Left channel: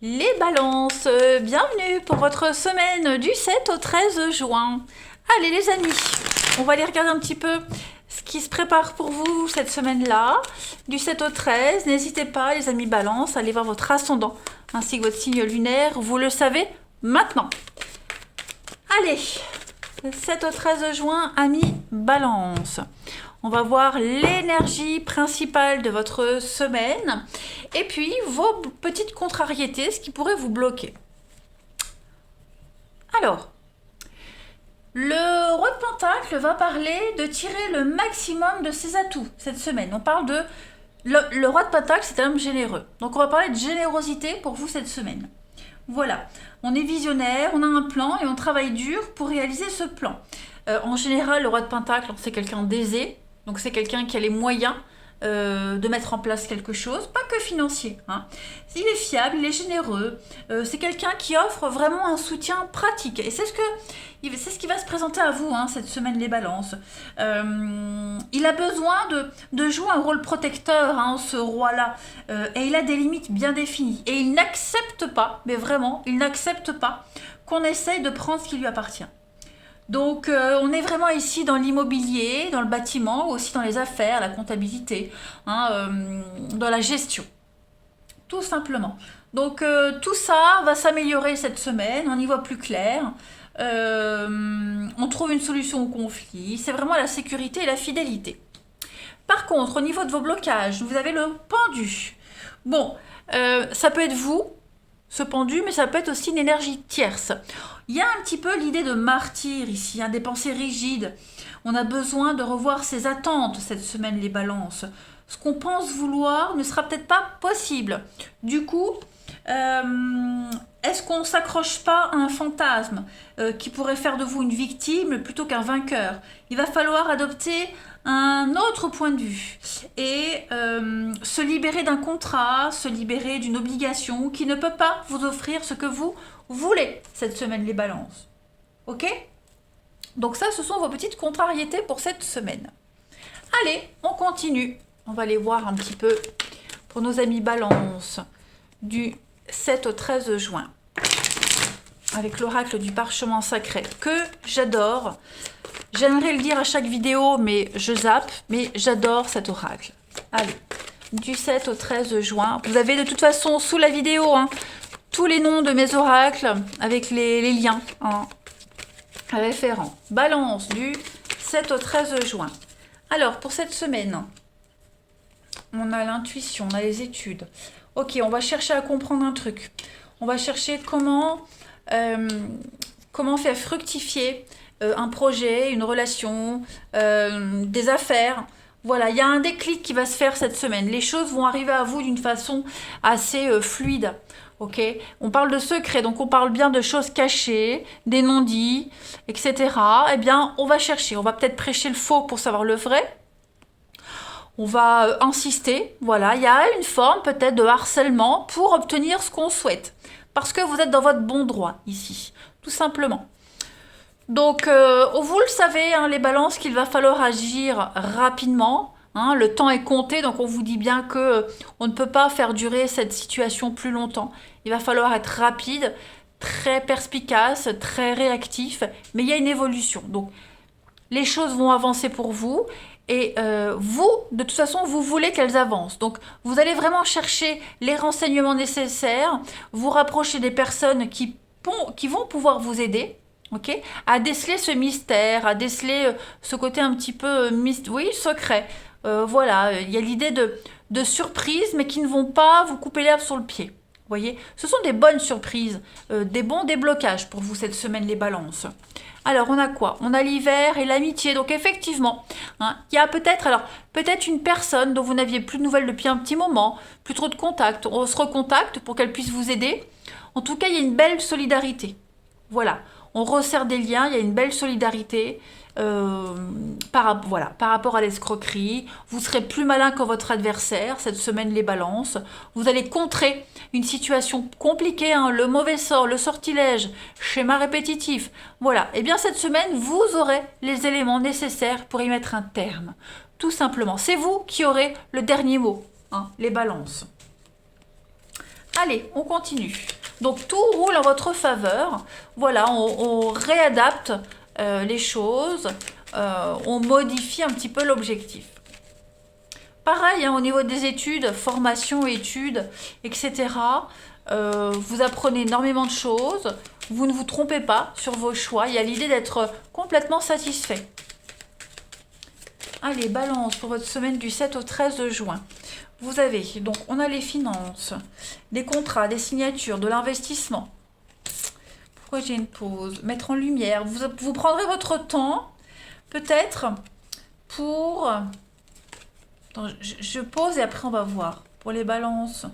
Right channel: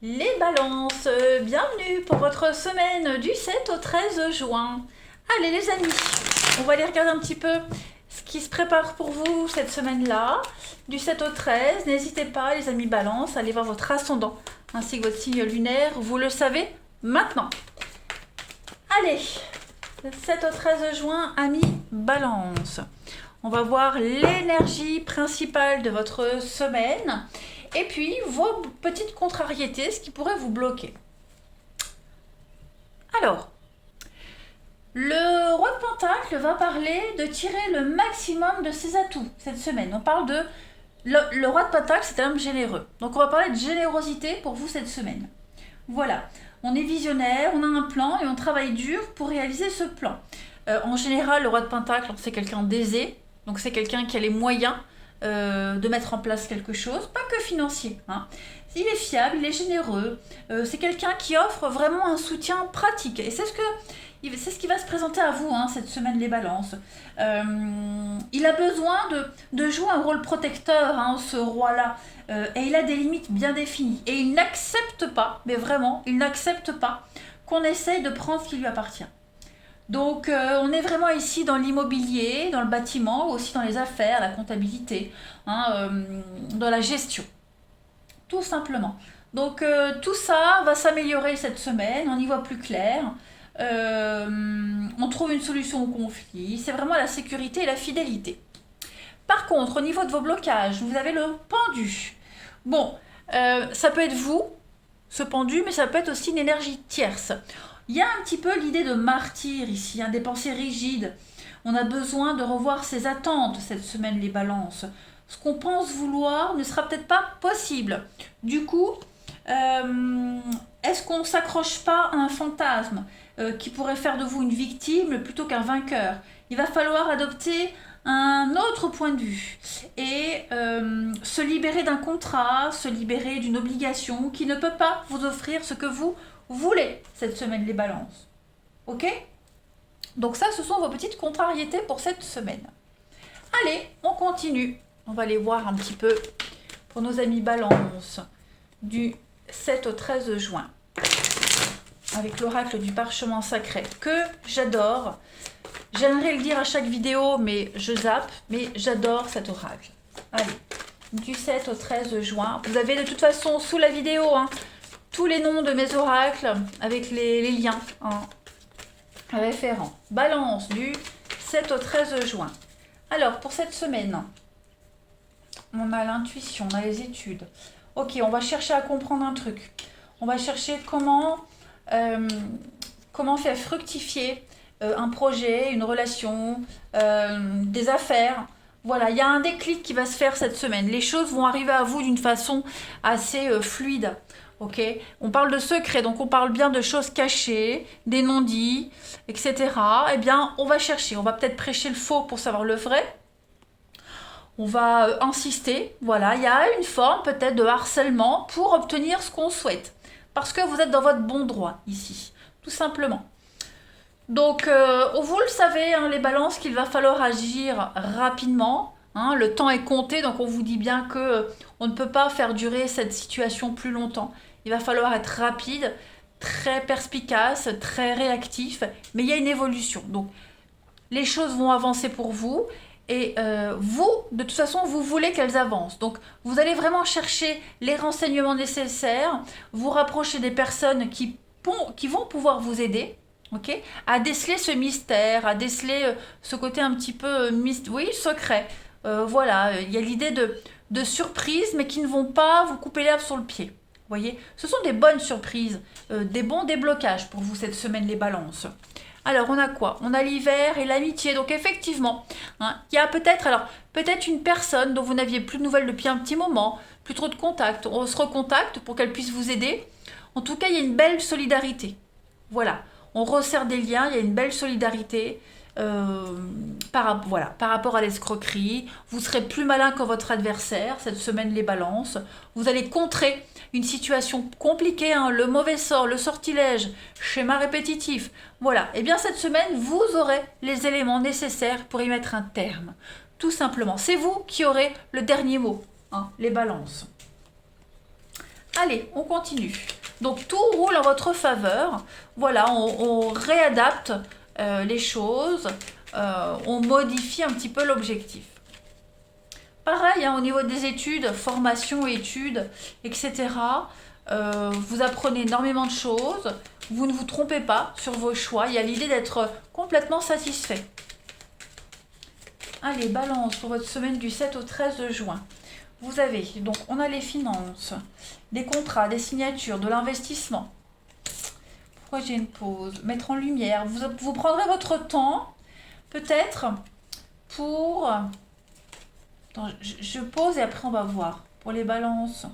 Les balances, bienvenue pour votre semaine du 7 au 13 juin. Allez les amis, on va aller regarder un petit peu ce qui se prépare pour vous cette semaine-là, du 7 au 13. N'hésitez pas les amis balance, à aller voir votre ascendant ainsi que votre signe lunaire, vous le savez maintenant. Allez, 7 au 13 juin, amis balance. On va voir l'énergie principale de votre semaine et puis vos petites contrariétés, ce qui pourrait vous bloquer. Alors, le roi de Pentacle va parler de tirer le maximum de ses atouts cette semaine. On parle de... Le roi de Pentacle, c'est un homme généreux. Donc on va parler de générosité pour vous cette semaine. Voilà, on est visionnaire, on a un plan et on travaille dur pour réaliser ce plan. En général, le roi de Pentacle, c'est quelqu'un d'aisé, donc c'est quelqu'un qui a les moyens de mettre en place quelque chose, pas que financier. Hein. Il est fiable, il est généreux, c'est quelqu'un qui offre vraiment un soutien pratique. Et c'est ce qui va se présenter à vous cette semaine les balances. Il a besoin de jouer un rôle protecteur, ce roi-là, et il a des limites bien définies. Et il n'accepte pas, mais vraiment, il n'accepte pas qu'on essaye de prendre ce qui lui appartient. Donc on est vraiment ici dans l'immobilier, dans le bâtiment, aussi dans les affaires, la comptabilité, dans la gestion, tout simplement. Donc tout ça va s'améliorer cette semaine, on y voit plus clair. On trouve une solution au conflit, c'est vraiment la sécurité et la fidélité. Par contre, au niveau de vos blocages, vous avez le pendu. Bon, ça peut être vous, ce pendu, mais ça peut être aussi une énergie tierce. Il y a un petit peu l'idée de martyr ici, des pensées rigides. On a besoin de revoir ses attentes cette semaine, les balances. Ce qu'on pense vouloir ne sera peut-être pas possible. Du coup, est-ce qu'on ne s'accroche pas à un fantasme qui pourrait faire de vous une victime plutôt qu'un vainqueur? Il va falloir adopter un autre point de vue et se libérer d'un contrat, se libérer d'une obligation qui ne peut pas vous offrir ce que vous voulez cette semaine, les balances. Ok? Donc ça, ce sont vos petites contrariétés pour cette semaine. Allez, on continue. On va aller voir un petit peu pour nos amis balance du 7 au 13 juin avec l'oracle du parchemin sacré que j'adore. J'aimerais le dire à chaque vidéo, mais je zappe, mais j'adore cet oracle. Allez, du 7 au 13 juin. Vous avez de toute façon sous la vidéo tous les noms de mes oracles avec les liens référents. Balance du 7 au 13 juin. Alors, pour cette semaine, on a l'intuition, on a les études. Ok, on va chercher à comprendre un truc. On va chercher comment faire fructifier un projet, une relation, des affaires. Voilà, il y a un déclic qui va se faire cette semaine. Les choses vont arriver à vous d'une façon assez fluide. Ok, on parle de secrets, donc on parle bien de choses cachées, des non-dits, etc. Eh bien, on va chercher, on va peut-être prêcher le faux pour savoir le vrai. On va insister, voilà, il y a une forme peut-être de harcèlement pour obtenir ce qu'on souhaite. Parce que vous êtes dans votre bon droit ici, tout simplement. Donc, vous le savez, les balances, qu'il va falloir agir rapidement. Le temps est compté, donc on vous dit bien que on ne peut pas faire durer cette situation plus longtemps. Il va falloir être rapide, très perspicace, très réactif, mais il y a une évolution. Donc, les choses vont avancer pour vous et vous, de toute façon, vous voulez qu'elles avancent. Donc, vous allez vraiment chercher les renseignements nécessaires, vous rapprocher des personnes qui vont pouvoir vous aider. Ok, à déceler ce mystère, à déceler ce côté un petit peu oui, secret. Voilà, il y a l'idée de surprises, mais qui ne vont pas vous couper l'herbe sur le pied. Vous voyez, ce sont des bonnes surprises, des bons déblocages pour vous cette semaine, les balances. Alors, on a quoi? On a l'hiver et l'amitié. Donc, effectivement, il y a peut-être une personne dont vous n'aviez plus de nouvelles depuis un petit moment, plus trop de contact. On se recontacte pour qu'elle puisse vous aider. En tout cas, il y a une belle solidarité. Voilà, on resserre des liens, il y a une belle solidarité par rapport à l'escroquerie. Vous serez plus malin que votre adversaire cette semaine, les balances. Vous allez contrer une situation compliquée, le mauvais sort, le sortilège, schéma répétitif. Voilà, et bien cette semaine, vous aurez les éléments nécessaires pour y mettre un terme. Tout simplement, c'est vous qui aurez le dernier mot, les balances. Allez, on continue. Donc tout roule en votre faveur. Voilà, on réadapte les choses, on modifie un petit peu l'objectif. Pareil, hein, au niveau des études, formation, études, etc. Vous apprenez énormément de choses. Vous ne vous trompez pas sur vos choix. Il y a l'idée d'être complètement satisfait. Allez, balance pour votre semaine du 7 au 13 juin. Vous avez, donc on a les finances, des contrats, des signatures, de l'investissement. Pourquoi j'ai une pause? Mettre en lumière. Vous prendrez votre temps, peut-être, pour... Attends, je pose et après on va voir. Pour les balances,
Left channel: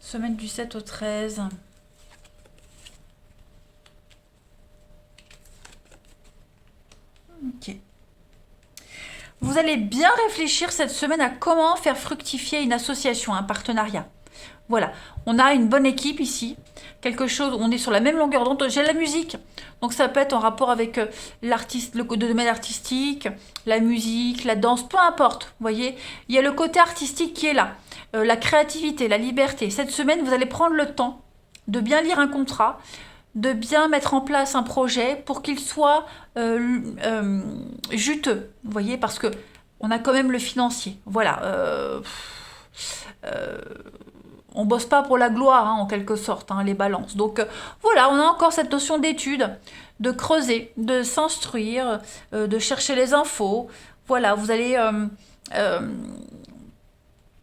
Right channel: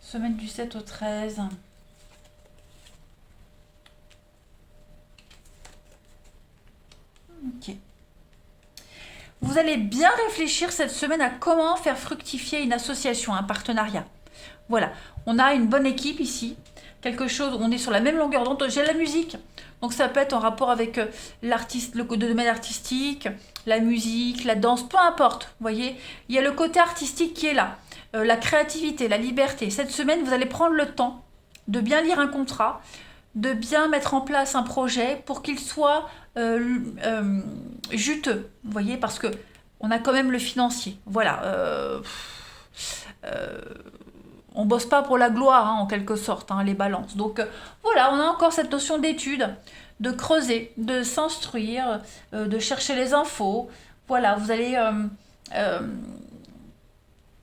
semaine du 7 au 13. Ok. Vous allez bien réfléchir cette semaine à comment faire fructifier une association, un partenariat. Voilà, on a une bonne équipe ici, quelque chose, on est sur la même longueur d'onde. J'ai la musique, donc ça peut être en rapport avec l'artiste, le domaine artistique, la musique, la danse, peu importe. Vous voyez, il y a le côté artistique qui est là, la créativité, la liberté. Cette semaine, vous allez prendre le temps de bien lire un contrat, de bien mettre en place un projet pour qu'il soit juteux, vous voyez, parce que on a quand même le financier. Voilà. On bosse pas pour la gloire, hein, en quelque sorte, hein, les balances. Donc voilà, on a encore cette notion d'étude, de creuser, de s'instruire, de chercher les infos. Voilà, vous allez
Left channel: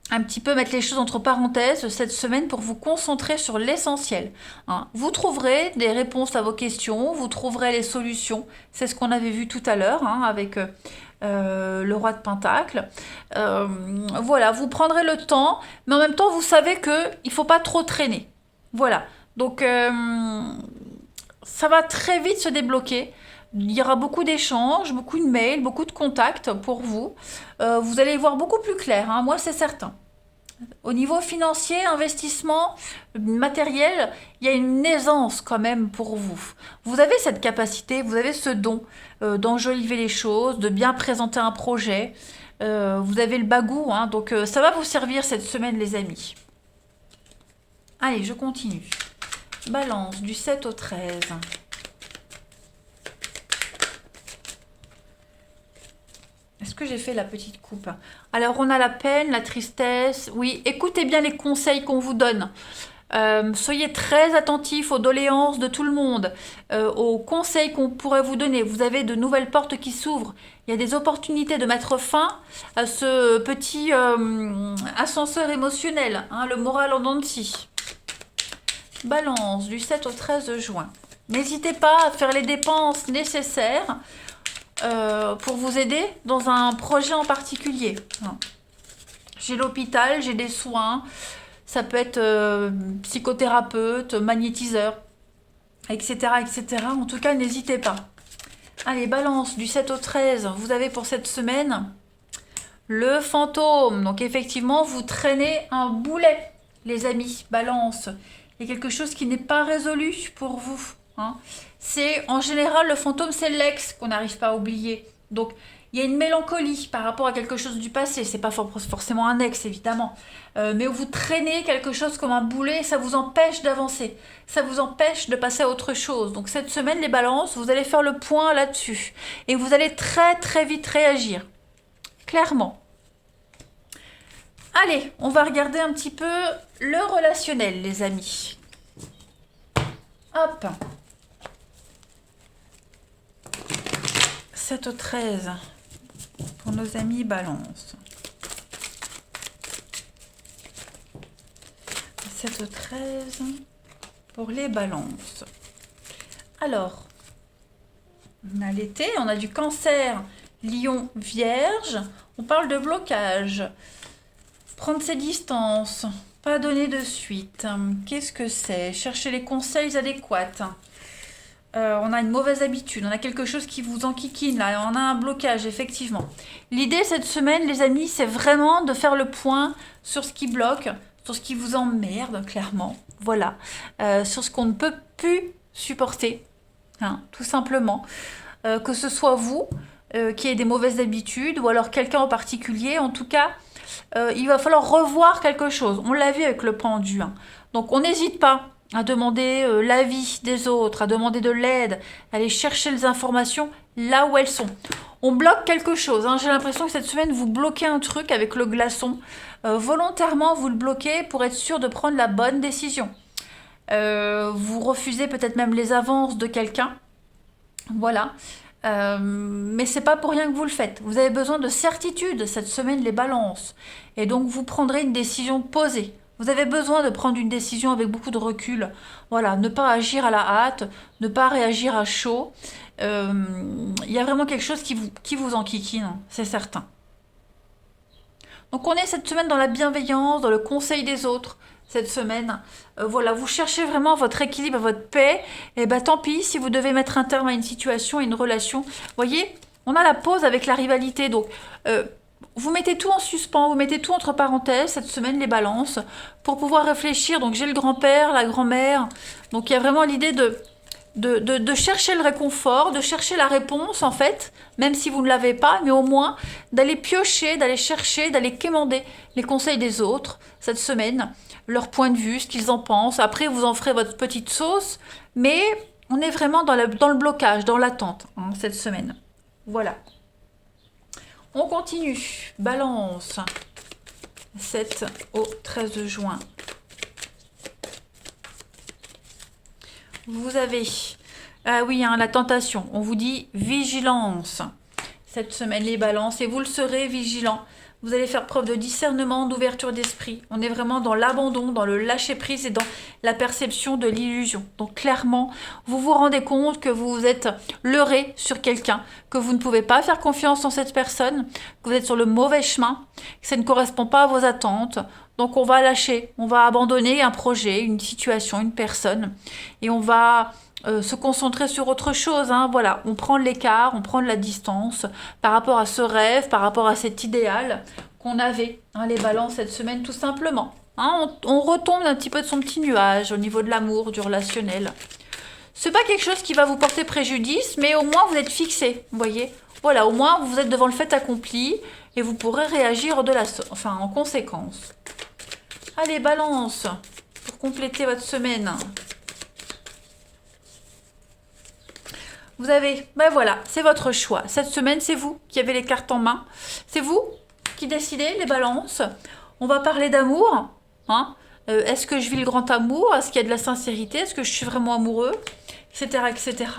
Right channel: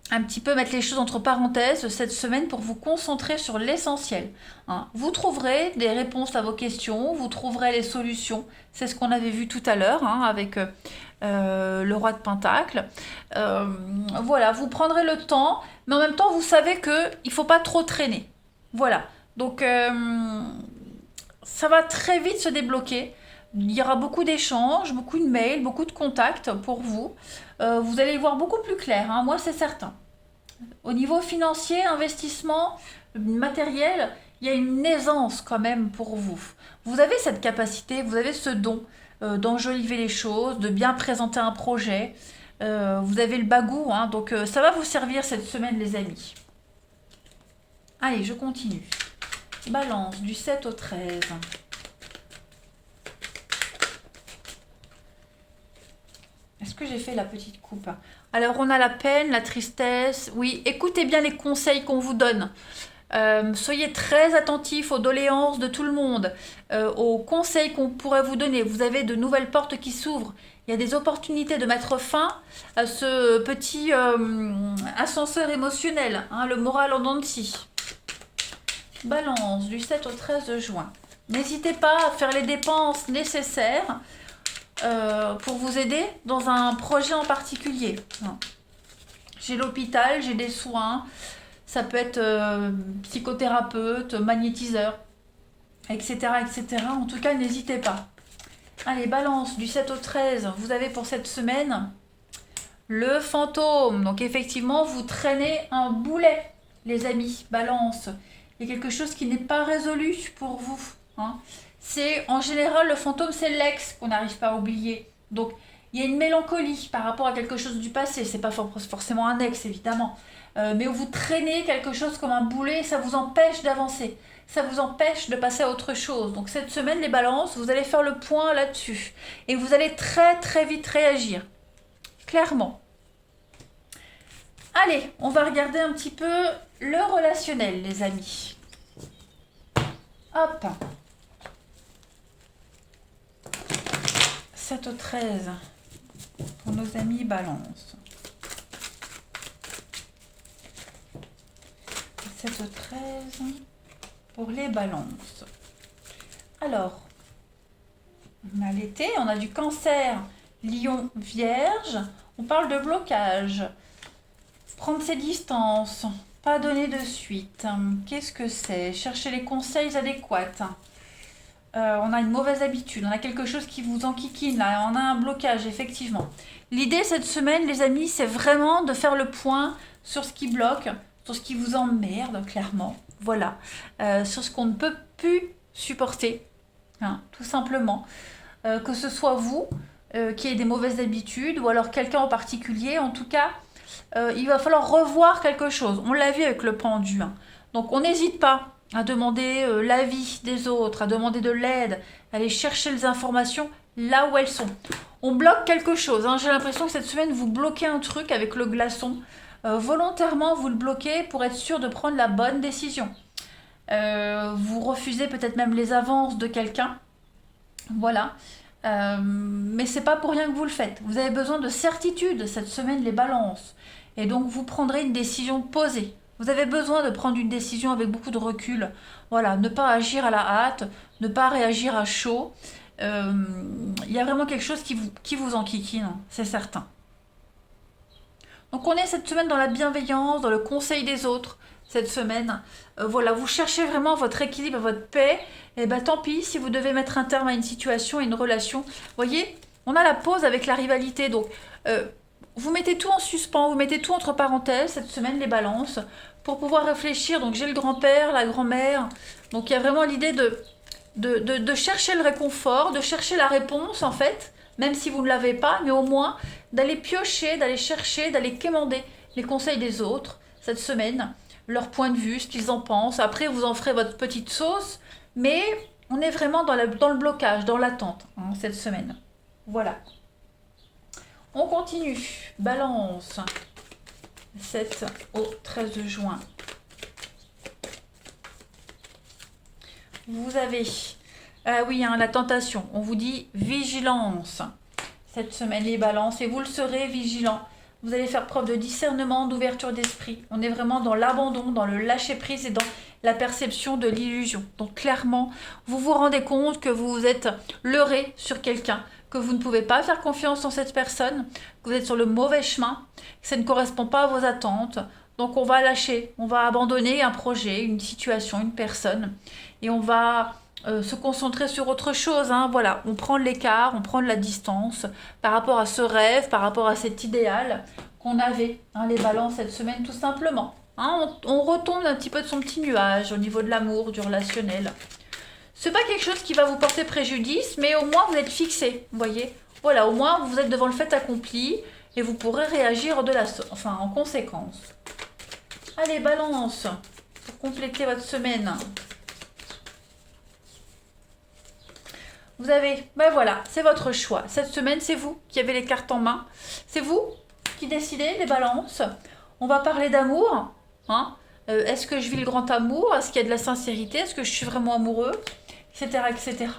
un petit peu mettre les choses entre parenthèses cette semaine pour vous concentrer sur l'essentiel, hein. Vous trouverez des réponses à vos questions, vous trouverez les solutions. C'est ce qu'on avait vu tout à l'heure, hein, avec le roi de Pentacle. Voilà, vous prendrez le temps, mais en même temps, vous savez qu'il ne faut pas trop traîner. Voilà, donc ça va très vite se débloquer. Il y aura beaucoup d'échanges, beaucoup de mails, beaucoup de contacts pour vous. Vous allez y voir beaucoup plus clair, hein, moi c'est certain. Au niveau financier, investissement, matériel, il y a une aisance quand même pour vous. Vous avez cette capacité, vous avez ce don d'enjoliver les choses, de bien présenter un projet. Vous avez le bagou, hein, donc ça va vous servir cette semaine les amis. Allez, je continue. Balance du 7 au 13. Est-ce que j'ai fait la petite coupe? Alors, on a la peine, la tristesse. Oui, écoutez bien les conseils qu'on vous donne. Soyez très attentifs aux doléances de tout le monde, aux conseils qu'on pourrait vous donner. Vous avez de nouvelles portes qui s'ouvrent. Il y a des opportunités de mettre fin à ce petit ascenseur émotionnel, hein, le moral en dents de scie. Balance du 7 au 13 juin. N'hésitez pas à faire les dépenses nécessaires pour vous aider dans un projet en particulier. J'ai l'hôpital, j'ai des soins, ça peut être psychothérapeute, magnétiseur, etc., etc. En tout cas, n'hésitez pas. Allez, balance, du 7 au 13, vous avez pour cette semaine le fantôme. Donc effectivement, vous traînez un boulet, les amis, balance. Il y a quelque chose qui n'est pas résolu pour vous, hein. C'est en général le fantôme, c'est l'ex qu'on n'arrive pas à oublier. Donc il y a une mélancolie par rapport à quelque chose du passé. C'est pas forcément un ex évidemment, mais où vous traînez quelque chose comme un boulet et ça vous empêche d'avancer. Ça vous empêche de passer à autre chose. Donc cette semaine, les balances, vous allez faire le point là-dessus et vous allez très très vite réagir. Clairement. Allez, on va regarder un petit peu le relationnel, les amis. Hop. 7 au 13 pour nos amis balance. 7 au 13 pour les balances. Alors, on a l'été, on a du cancer, lion, vierge. On parle de blocage. Prendre ses distances, pas donner de suite. Qu'est-ce que c'est? Chercher les conseils adéquats. On a une mauvaise habitude, on a quelque chose qui vous enquiquine, là, on a un blocage, effectivement. L'idée cette semaine, les amis, c'est vraiment de faire le point sur ce qui bloque, sur ce qui vous emmerde, clairement. Voilà. Sur ce qu'on ne peut plus supporter, hein, tout simplement. Que ce soit vous qui ayez des mauvaises habitudes ou alors quelqu'un en particulier, en tout cas, il va falloir revoir quelque chose. On l'a vu avec le pendu, hein. Donc on n'hésite pas à demander l'avis des autres, à demander de l'aide, à aller chercher les informations là où elles sont. On bloque quelque chose, hein. J'ai l'impression que cette semaine, vous bloquez un truc avec le glaçon. Volontairement, vous le bloquez pour être sûr de prendre la bonne décision. Vous refusez peut-être même les avances de quelqu'un. Voilà. Mais c'est pas pour rien que vous le faites. Vous avez besoin de certitude cette semaine, les balances. Et donc vous prendrez une décision posée. Vous avez besoin de prendre une décision avec beaucoup de recul. Voilà, ne pas agir à la hâte, ne pas réagir à chaud. Il y a vraiment quelque chose qui vous enquiquine, c'est certain. Donc on est cette semaine dans la bienveillance, dans le conseil des autres. Cette semaine, voilà, vous cherchez vraiment votre équilibre, votre paix. Et ben tant pis si vous devez mettre un terme à une situation, à une relation. Vous voyez, on a la pause avec la rivalité. Donc vous mettez tout en suspens, vous mettez tout entre parenthèses cette semaine, les balances, pour pouvoir réfléchir. Donc j'ai le grand-père, la grand-mère. Donc il y a vraiment l'idée de chercher le réconfort, de chercher la réponse en fait, même si vous ne l'avez pas, mais au moins d'aller piocher, d'aller chercher, d'aller quémander les conseils des autres cette semaine, leur point de vue, ce qu'ils en pensent. Après, vous en ferez votre petite sauce, mais on est vraiment dans le blocage, dans l'attente hein, cette semaine. Voilà. On continue. Balance. 7 au 13 juin. Vous avez, ah oui, hein, la tentation. On vous dit vigilance cette semaine, les balances, et vous le serez vigilant. Vous allez faire preuve de discernement, d'ouverture d'esprit. On est vraiment dans l'abandon, dans le lâcher-prise et dans la perception de l'illusion. Donc clairement, vous vous rendez compte que vous êtes leurré sur quelqu'un, que vous ne pouvez pas faire confiance en cette personne, que vous êtes sur le mauvais chemin, que ça ne correspond pas à vos attentes. Donc on va lâcher, on va abandonner un projet, une situation, une personne, et on va se concentrer sur autre chose. Hein. Voilà, on prend l'écart, on prend de la distance par rapport à ce rêve, par rapport à cet idéal qu'on avait, hein, les balances cette semaine tout simplement. Hein, on retombe un petit peu de son petit nuage au niveau de l'amour, du relationnel. C'est pas quelque chose qui va vous porter préjudice, mais au moins vous êtes fixé, vous voyez. Voilà, au moins vous êtes devant le fait accompli et vous pourrez réagir en conséquence. Allez, balance, pour compléter votre semaine. Vous avez, ben voilà, c'est votre choix. Cette semaine, c'est vous qui avez les cartes en main. C'est vous qui décidez, les balances. On va parler d'amour. Hein. Est-ce que je vis le grand amour? Est-ce qu'il y a de la sincérité? Est-ce que je suis vraiment amoureux? Etc., etc.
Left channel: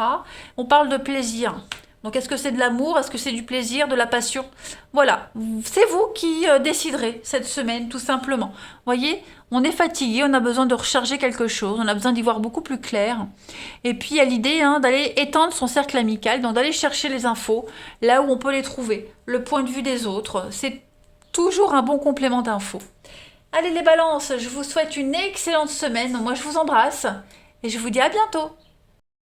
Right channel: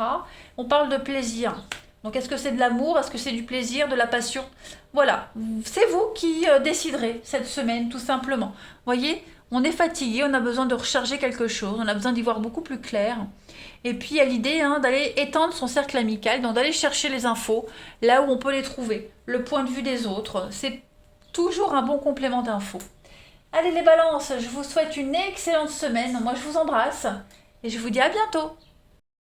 On parle de plaisir. Donc, est-ce que c'est de l'amour? Est-ce que c'est du plaisir, de la passion? Voilà, c'est vous qui déciderez cette semaine, tout simplement. Voyez, on est fatigué, on a besoin de recharger quelque chose, on a besoin d'y voir beaucoup plus clair. Et puis, il y a l'idée hein, d'aller étendre son cercle amical, donc d'aller chercher les infos là où on peut les trouver. Le point de vue des autres, c'est toujours un bon complément d'infos. Allez les balances, je vous souhaite une excellente semaine. Moi, je vous embrasse et je vous dis à bientôt.